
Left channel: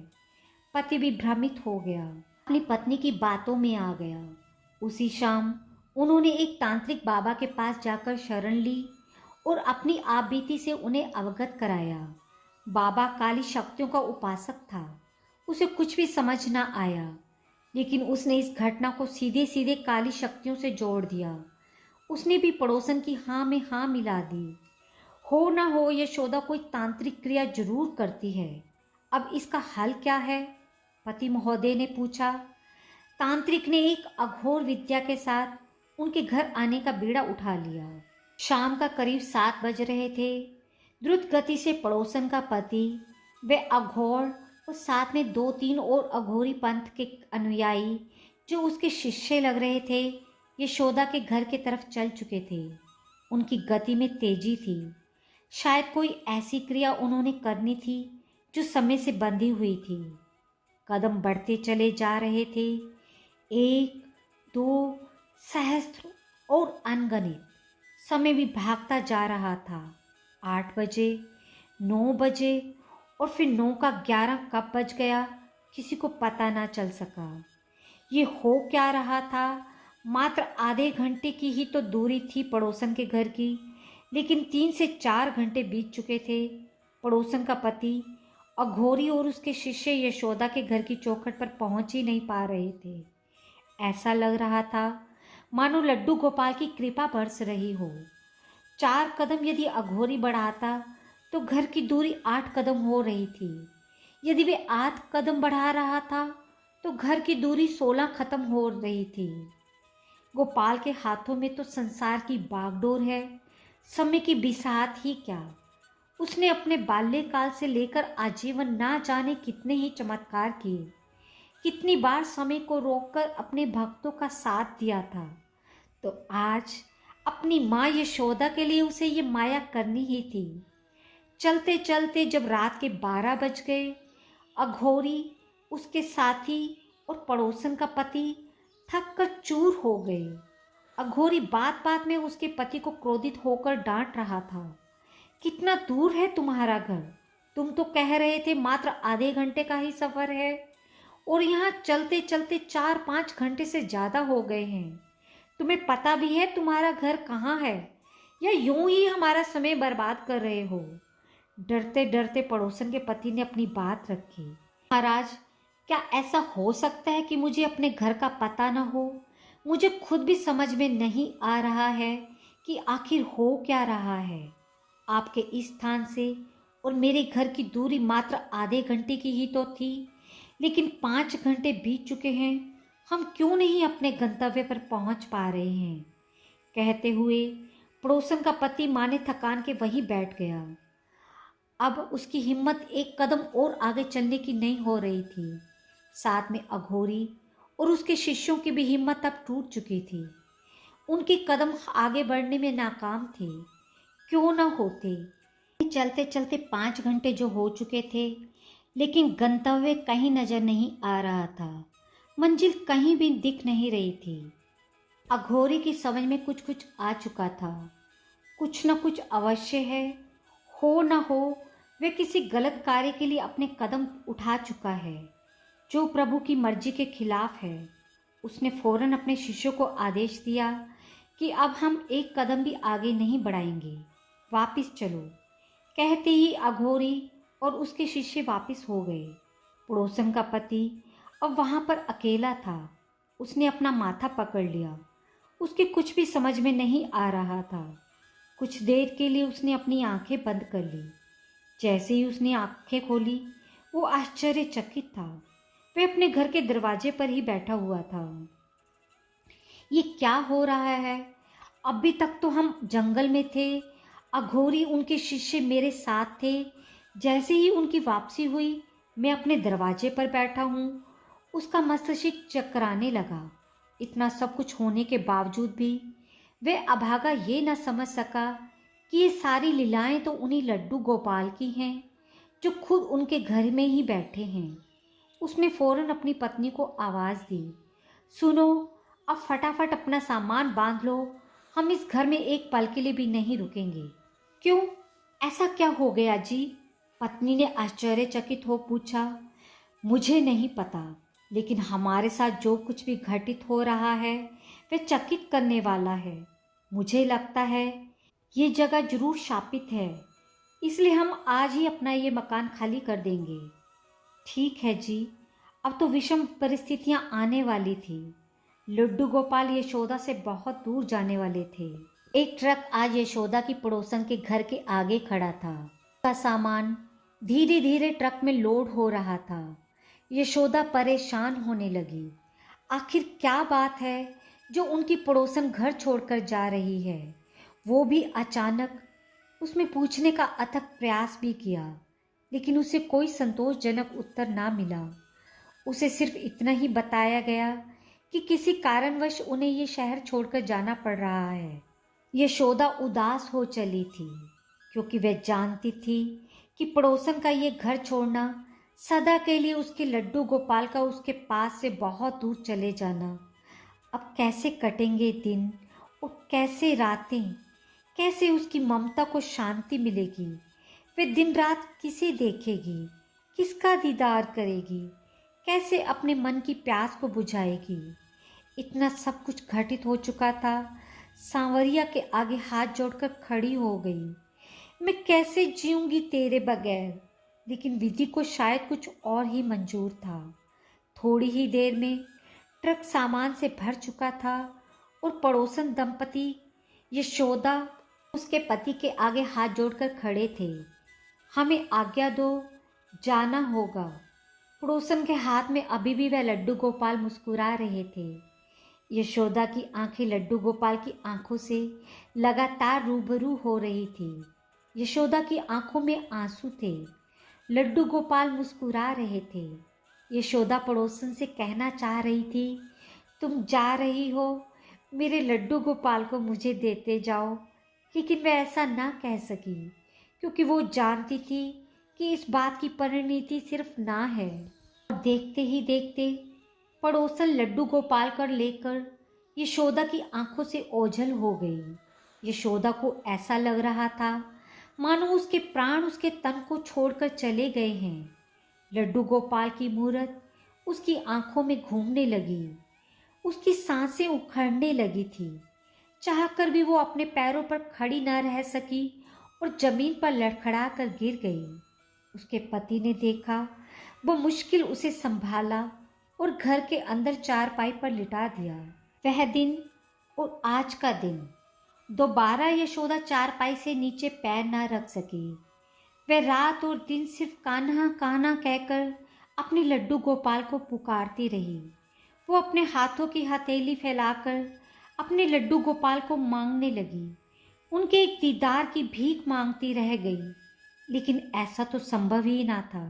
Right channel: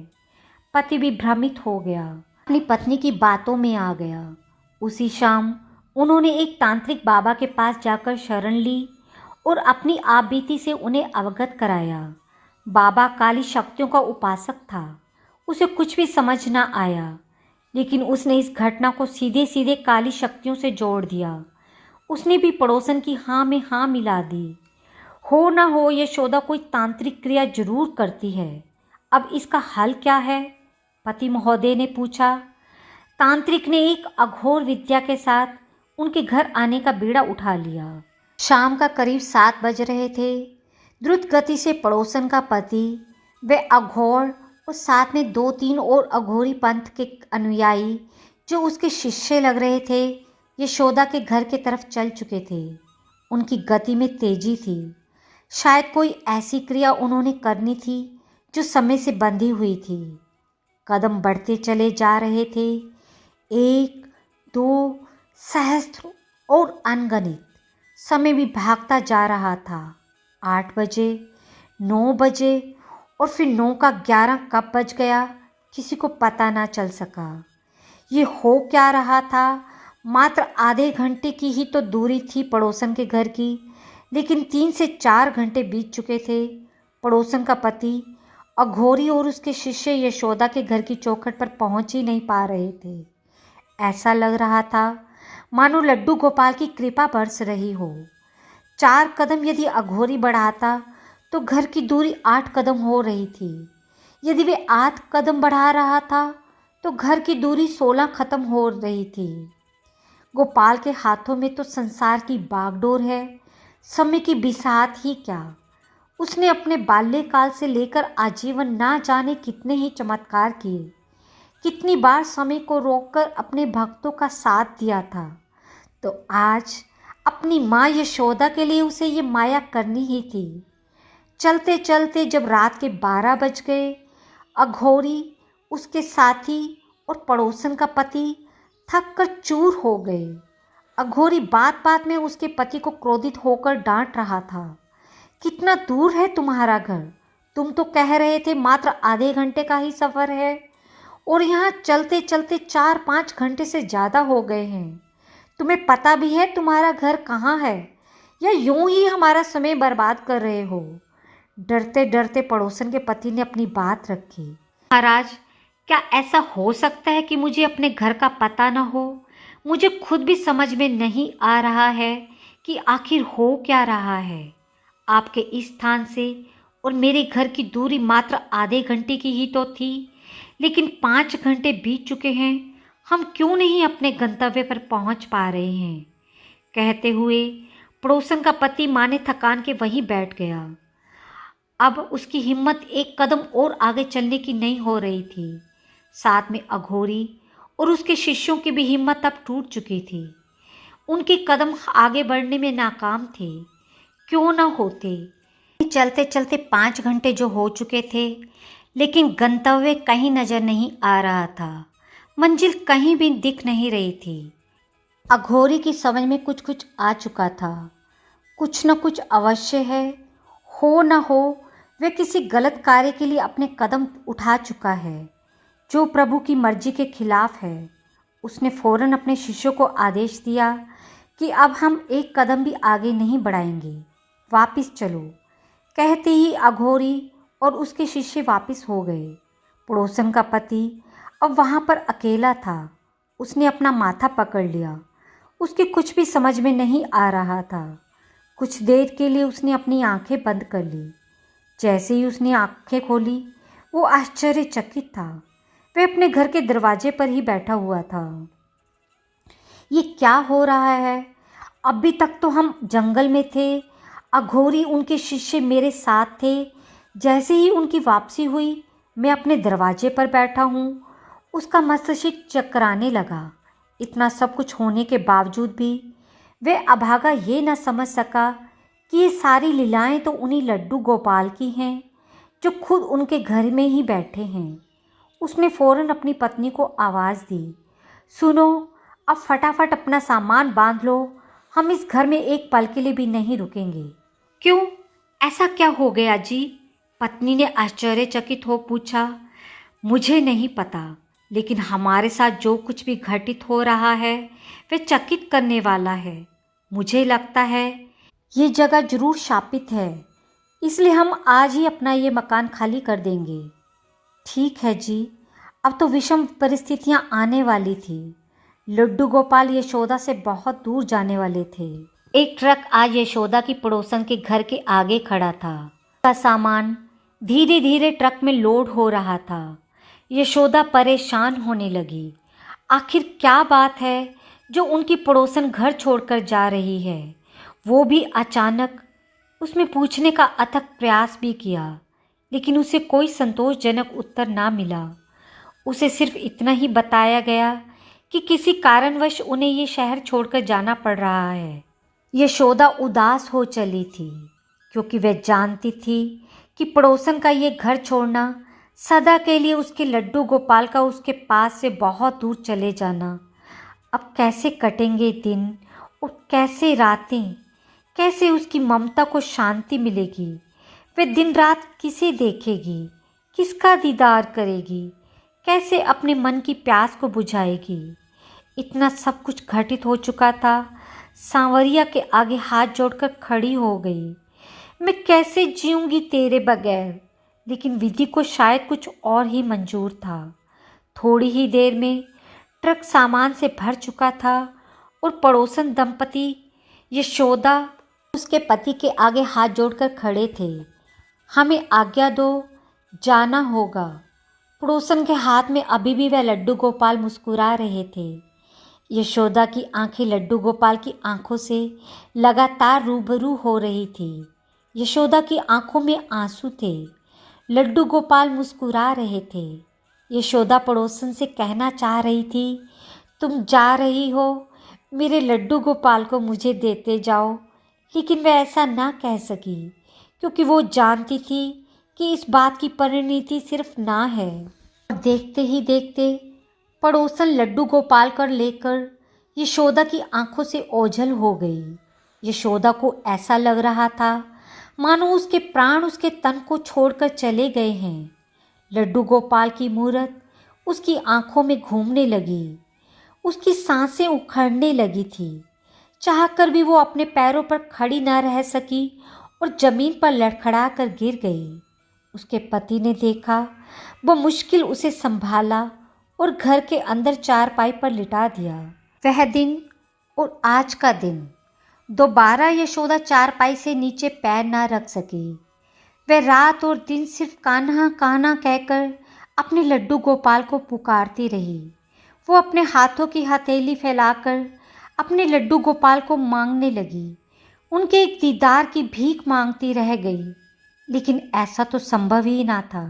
पति भी भ्रमित हो गया, अपनी पत्नी की बातों में आ गया। उसी शाम उन्होंने एक तांत्रिक बाबा के पास जाकर शरण ली और अपनी आपबीती से उन्हें अवगत कराया। बाबा काली शक्तियों का उपासक था। उसे कुछ भी समझ न आया, लेकिन उसने इस घटना को सीधे सीधे काली शक्तियों से जोड़ दिया। उसने भी पड़ोसन की हाँ में हाँ मिला दी। हो ना हो यशोदा कोई तांत्रिक क्रिया जरूर करती है। अब इसका हल क्या है? पति महोदय ने पूछा। तांत्रिक ने एक अघोर विद्या के साथ उनके घर आने का बीड़ा उठा लिया। शाम का करीब 7 बज रहे थे। द्रुत गति से पड़ोसन का पति, वह अघोर और साथ में 2-3 और अघोरी पंथ के अनुयायी जो उसके शिष्य लग रहे थे, यशोदा के घर की तरफ चल चुके थे। उनकी गति में तेजी थी। शायद कोई ऐसी क्रिया उन्होंने करनी थी जो समय से बंधी हुई थी। कदम बढ़ते चले जा रहे थे, 1, 2, सहस्त्र और अनगिनत। समय भी भागता जा रहा था। 8 बजे, 9 बजे और फिर 9 का 11 कब बज गया किसी को पता ना चल सका। ये हो क्या रहा था? मात्र आधे घंटे की ही तो दूरी थी पड़ोसन के घर की, लेकिन 3 से 4 घंटे बीत चुके थे। पड़ोसन का पति अघोरी और उसके शिष्य यशोदा के घर की चौखट पर पहुंच ही नहीं पा रहे थे। ऐसा लग रहा था मानो लड्डू गोपाल की कृपा बरस रही हो। 4 कदम यदि अघोरी बढ़ाता तो घर की दूरी 8 कदम हो रही थी। यदि वे 8 कदम बढ़ा रहा था तो घर की दूरी 16 खत्म हो रही थी। गोपाल के हाथों में तो संसार की बागडोर है, समय की बिसात ही क्या। उसने अपने बाल्यकाल से लेकर आजीवन ना जाने कितने ही चमत्कार किए, कितनी बार समय को रोककर अपने भक्तों का साथ दिया था। तो आज अपनी माँ यशोदा के लिए उसे ये माया करनी ही थी। चलते चलते जब रात के 12 बज गए, अघोरी, उसके साथी और पड़ोसन का पति थक कर चूर हो गए। अघोरी बात बात में उसके पति को क्रोधित होकर डांट रहा था। कितना दूर है तुम्हारा घर? तुम तो कह रहे थे मात्र आधे घंटे का ही सफ़र है, और यहाँ चलते चलते 4-5 घंटे से ज़्यादा हो गए हैं। तुम्हें पता भी है तुम्हारा घर कहाँ है, या यूं ही हमारा समय बर्बाद कर रहे हो? डरते डरते पड़ोसन के पति ने अपनी बात रखी। महाराज, क्या ऐसा हो सकता है कि मुझे अपने घर का पता न हो? मुझे खुद भी समझ में नहीं आ रहा है कि आखिर हो क्या रहा है। आपके इस स्थान से और मेरे घर की दूरी मात्र आधे घंटे की ही तो थी, लेकिन 5 घंटे बीत चुके हैं। हम क्यों नहीं अपने गंतव्य पर पहुंच पा रहे हैं? कहते हुए पड़ोसन का पति माने थकान के वहीं बैठ गया। अब उसकी हिम्मत एक कदम और आगे चलने की नहीं हो रही थी। साथ में अघोरी और उसके शिष्यों की भी हिम्मत अब टूट चुकी थी। उनके कदम आगे बढ़ने में नाकाम थे। क्यों न होते? चलते चलते 5 घंटे जो हो चुके थे, लेकिन गंतव्य कहीं नजर नहीं आ रहा था। मंजिल कहीं भी दिख नहीं रही थी। अघोरी की समझ में कुछ कुछ आ चुका था। कुछ न कुछ अवश्य है। हो न हो वे किसी गलत कार्य के लिए अपने कदम उठा चुका है, जो प्रभु की मर्जी के खिलाफ है। उसने फौरन अपने शिष्यों को आदेश दिया कि अब हम एक कदम भी आगे नहीं बढ़ाएंगे, वापिस चलो। कहते ही अघोरी और उसके शिष्य वापिस हो गए। पड़ोसन का पति अब वहाँ पर अकेला था। उसने अपना माथा पकड़ लिया। उसके कुछ भी समझ में नहीं आ रहा था। कुछ देर के लिए उसने अपनी आंखें बंद कर ली। जैसे ही उसने आंखें खोली, वो आश्चर्यचकित था। वह अपने घर के दरवाजे पर ही बैठा हुआ था। ये क्या हो रहा है? अभी तक तो हम जंगल में थे। अघोरी, उनके शिष्य मेरे साथ थे। जैसे ही उनकी वापसी हुई, मैं अपने दरवाजे पर बैठा हूँ। उसका मस्तिष्क चकराने लगा। इतना सब कुछ होने के बावजूद भी वह अभागा ये न समझ सका कि ये सारी लीलाएं तो उन्हीं लड्डू गोपाल की हैं जो खुद उनके घर में ही बैठे हैं। उसने फौरन अपनी पत्नी को आवाज़ दी, सुनो, अब फटाफट अपना सामान बांध लो, हम इस घर में एक पल के लिए भी नहीं रुकेंगे। क्यों, ऐसा क्या हो गया जी? पत्नी ने आश्चर्यचकित हो पूछा। मुझे नहीं पता, लेकिन हमारे साथ जो कुछ भी घटित हो रहा है वह चकित करने वाला है। मुझे लगता है ये जगह जरूर शापित है, इसलिए हम आज ही अपना ये मकान खाली कर देंगे। ठीक है जी, अब तो विषम परिस्थितियां आने वाली थी। लड्डू गोपाल यशोदा से बहुत दूर जाने वाले थे। एक ट्रक आज यशोदा की पड़ोसन के घर के आगे खड़ा था। का सामान धीरे धीरे ट्रक में लोड हो रहा था। यशोदा परेशान होने लगी। आखिर क्या बात है जो उनकी पड़ोसन घर छोड़कर जा रही है, वो भी अचानक? उसने पूछने का अथक प्रयास भी किया, लेकिन उसे कोई संतोषजनक उत्तर ना मिला। उसे सिर्फ इतना ही बताया गया कि किसी कारणवश उन्हें ये शहर छोड़कर जाना पड़ रहा है। यशोदा उदास हो चली थी, क्योंकि वह जानती थी कि पड़ोसन का ये घर छोड़ना सदा के लिए उसके लड्डू गोपाल का उसके पास से बहुत दूर चले जाना। अब कैसे कटेंगे दिन और कैसे रातें? कैसे उसकी ममता को शांति मिलेगी? वह दिन रात किसे देखेगी, किसका दीदार करेगी, कैसे अपने मन की प्यास को बुझाएगी? इतना सब कुछ घटित हो चुका था। सांवरिया के आगे हाथ जोड़कर खड़ी हो गई। मैं कैसे जीऊंगी तेरे बगैर? लेकिन विधि को शायद कुछ और ही मंजूर था। थोड़ी ही देर में ट्रक सामान से भर चुका था और पड़ोसन दंपति यशोदा उसके पति के आगे हाथ जोड़कर खड़े थे। हमें आज्ञा दो, जाना होगा। पड़ोसन के हाथ में अभी भी वह लड्डू गोपाल मुस्कुरा रहे थे। यशोदा की आंखें लड्डू गोपाल की आंखों से लगातार रूबरू हो रही थी। यशोदा की आंखों में आंसू थे। लड्डू गोपाल मुस्कुरा रहे थे। यशोदा पड़ोसन से कहना चाह रही थी, तुम जा रही हो, मेरे लड्डू गोपाल को मुझे देते जाओ, लेकिन वह ऐसा ना कह सकी, क्योंकि वो जानती थी कि इस बात की परिणति सिर्फ ना है। देखते ही देखते पड़ोसन लड्डू गोपाल को लेकर यशोदा की आंखों से ओझल हो गई। यशोदा को ऐसा लग रहा था मानो उसके प्राण उसके तन को छोड़कर चले गए हैं। लड्डू गोपाल की मूरत उसकी आंखों में घूमने लगी। उसकी सांसें उखड़ने लगी थी। चाहकर भी वो अपने पैरों पर खड़ी न रह सकी और जमीन पर लड़खड़ा कर गिर गई। उसके पति ने देखा, वो मुश्किल उसे संभाला और घर के अंदर चारपाई पर लिटा दिया। वह दिन और आज का दिन, दोबारा यशोदा चारपाई से नीचे पैर न रख सकी। वह रात और दिन सिर्फ कान्हा कान्हा कहकर अपने लड्डू गोपाल को पुकारती रही। वो अपने हाथों की हथेली फैलाकर अपने लड्डू गोपाल को मांगने लगी। उनके एक दीदार की भीख मांगती रह गई, लेकिन ऐसा तो संभव ही ना था।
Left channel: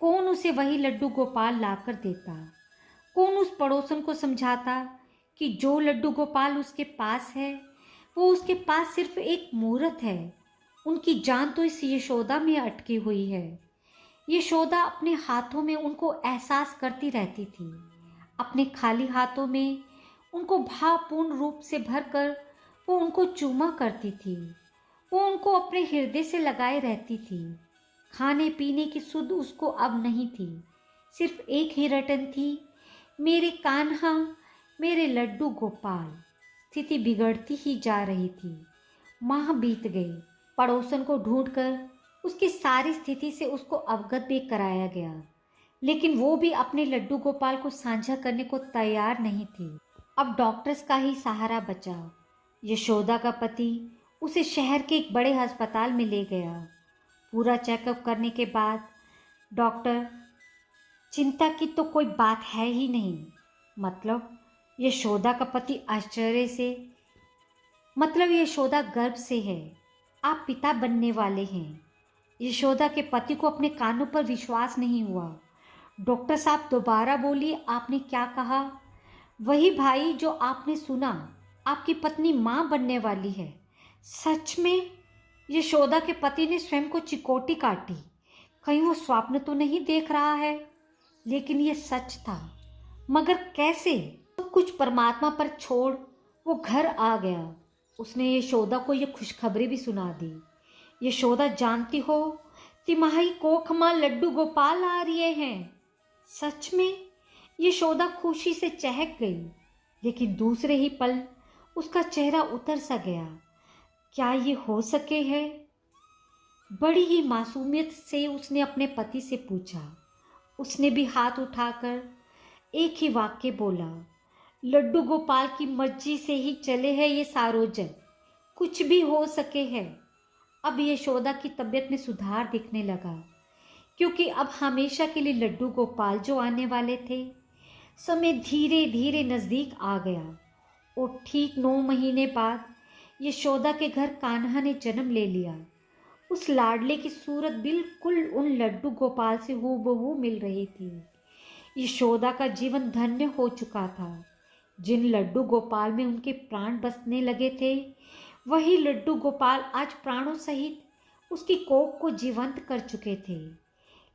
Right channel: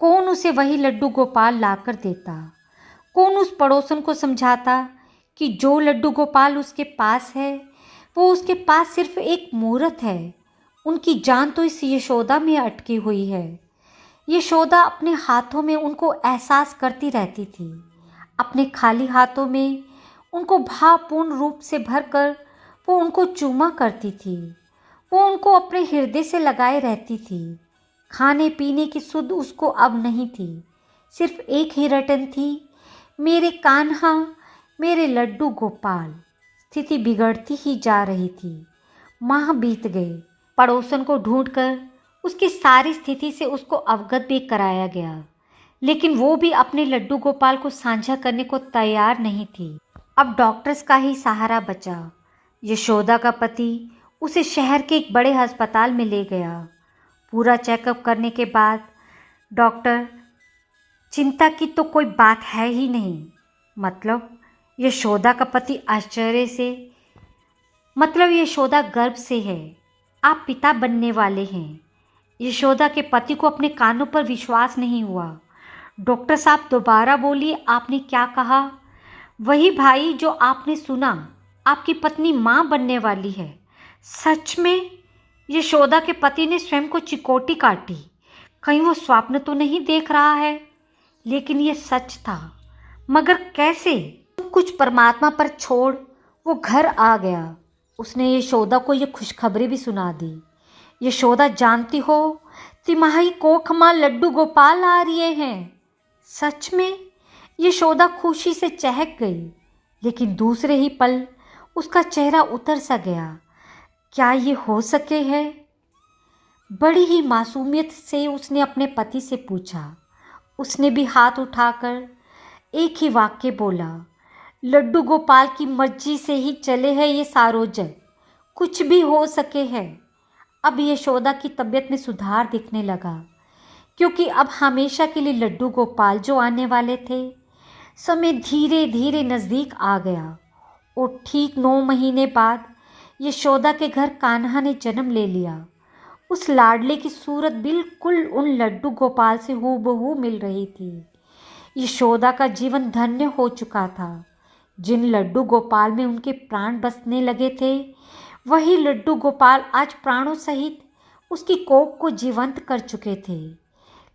कौन उसे वही लड्डू गोपाल लाकर देता? कौन उस पड़ोसन को समझाता कि जो लड्डू गोपाल उसके पास है वो उसके पास सिर्फ एक मूरत है? उनकी जान तो इस यशोदा में अटकी हुई है। यशोदा अपने हाथों में उनको एहसास करती रहती थी। अपने खाली हाथों में उनको भावपूर्ण रूप से भरकर वो उनको चूमा करती थी। वो उनको अपने हृदय से लगाए रहती थी। खाने पीने की सुध उसको अब नहीं थी। सिर्फ एक ही रटन थी, मेरे कान्हा, मेरे लड्डू गोपाल। स्थिति बिगड़ती ही जा रही थी। माह बीत गई। पड़ोसन को ढूंढकर उसकी सारी स्थिति से उसको अवगत भी कराया गया, लेकिन वो भी अपने लड्डू गोपाल को साझा करने को तैयार नहीं थी। अब डॉक्टर्स का ही सहारा बचा। यशोदा का पति उसे शहर के एक बड़े अस्पताल में ले गया। पूरा चेकअप करने के बाद डॉक्टर, चिंता की तो कोई बात है ही नहीं। मतलब? यशोदा का पति आश्चर्य से, मतलब यशोदा गर्भ से है, आप पिता बनने वाले हैं। यशोदा के पति को अपने कानों पर विश्वास नहीं हुआ। डॉक्टर साहब दोबारा बोलिए, आपने क्या कहा? वही भाई जो आपने सुना आपकी पत्नी माँ बनने वाली है, सच में यशोदा के पति ने स्वयं को चिकोटी काटी। कहीं वो स्वप्न तो नहीं देख रहा है? लेकिन ये सच था। मगर कैसे? सब कुछ परमात्मा पर छोड़ वो घर आ गया। उसने यशोदा को ये खुशखबरी भी सुना दी। यशोदा, जानती हो तिमाही कोख माँ लड्डू गोपाल आ रहे हैं। सच में? यशोदा खुशी से चहक गई, लेकिन दूसरे ही पल उसका चेहरा उतर सा गया। क्या ये हो सके है? बड़ी ही मासूमियत से उसने अपने पति से पूछा। उसने भी हाथ उठाकर एक ही वाक्य बोला, लड्डू गोपाल की मर्जी से ही चले हैं ये सारोजन, कुछ भी हो सके है। अब यशोदा की तबीयत में सुधार दिखने लगा, क्योंकि अब हमेशा के लिए लड्डू गोपाल जो आने वाले थे, समय धीरे धीरे नज़दीक आ गया। और ठीक 9 महीने बाद यशोदा के घर कान्हा ने जन्म ले लिया। उस लाडले की सूरत बिल्कुल उन लड्डू गोपाल से हूबहू मिल रही थी। यशोदा का जीवन धन्य हो चुका था। जिन लड्डू गोपाल में उनके प्राण बसने लगे थे, वही लड्डू गोपाल आज प्राणों सहित उसकी कोख को जीवंत कर चुके थे।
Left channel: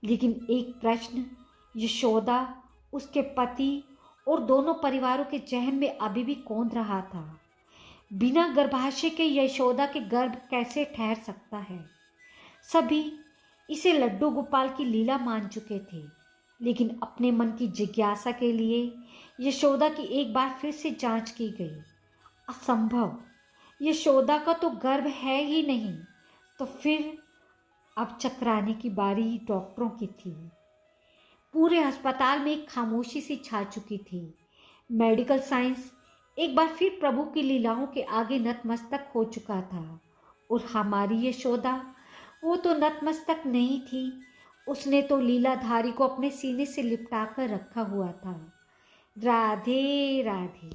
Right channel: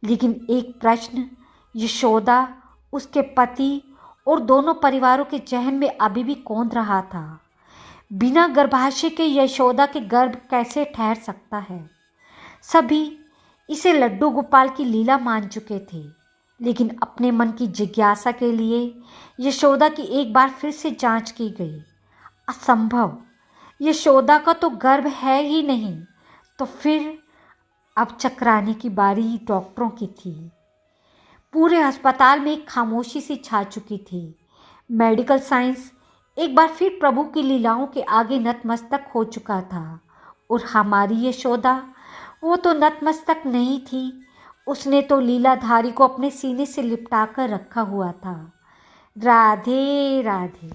लेकिन एक प्रश्न यशोदा, उसके पति और दोनों परिवारों के जहन में अभी भी कौंध रहा था। बिना गर्भाशय के यशोदा के गर्भ कैसे ठहर सकता है? सभी इसे लड्डू गोपाल की लीला मान चुके थे, लेकिन अपने मन की जिज्ञासा के लिए यशोदा की एक बार फिर से जांच की गई। असंभव, यशोदा का तो गर्भ है ही नहीं। तो फिर अब चकराने की बारी डॉक्टरों की थी। पूरे अस्पताल में एक खामोशी सी छा चुकी थी। मेडिकल साइंस एक बार फिर प्रभु की लीलाओं के आगे नतमस्तक हो चुका था। और हमारी यशोदा, वो तो नतमस्तक नहीं थी, उसने तो लीलाधारी को अपने सीने से लिपटा कर रखा हुआ था। राधे राधे।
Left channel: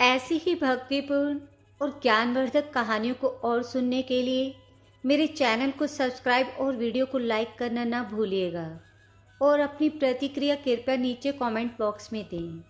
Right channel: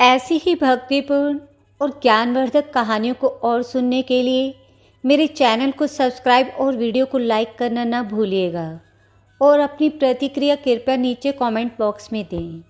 ऐसी ही भक्तिपूर्ण और ज्ञानवर्धक कहानियों को और सुनने के लिए मेरे चैनल को सब्सक्राइब और वीडियो को लाइक करना ना भूलिएगा। और अपनी प्रतिक्रिया कृपया नीचे कमेंट बॉक्स में दें।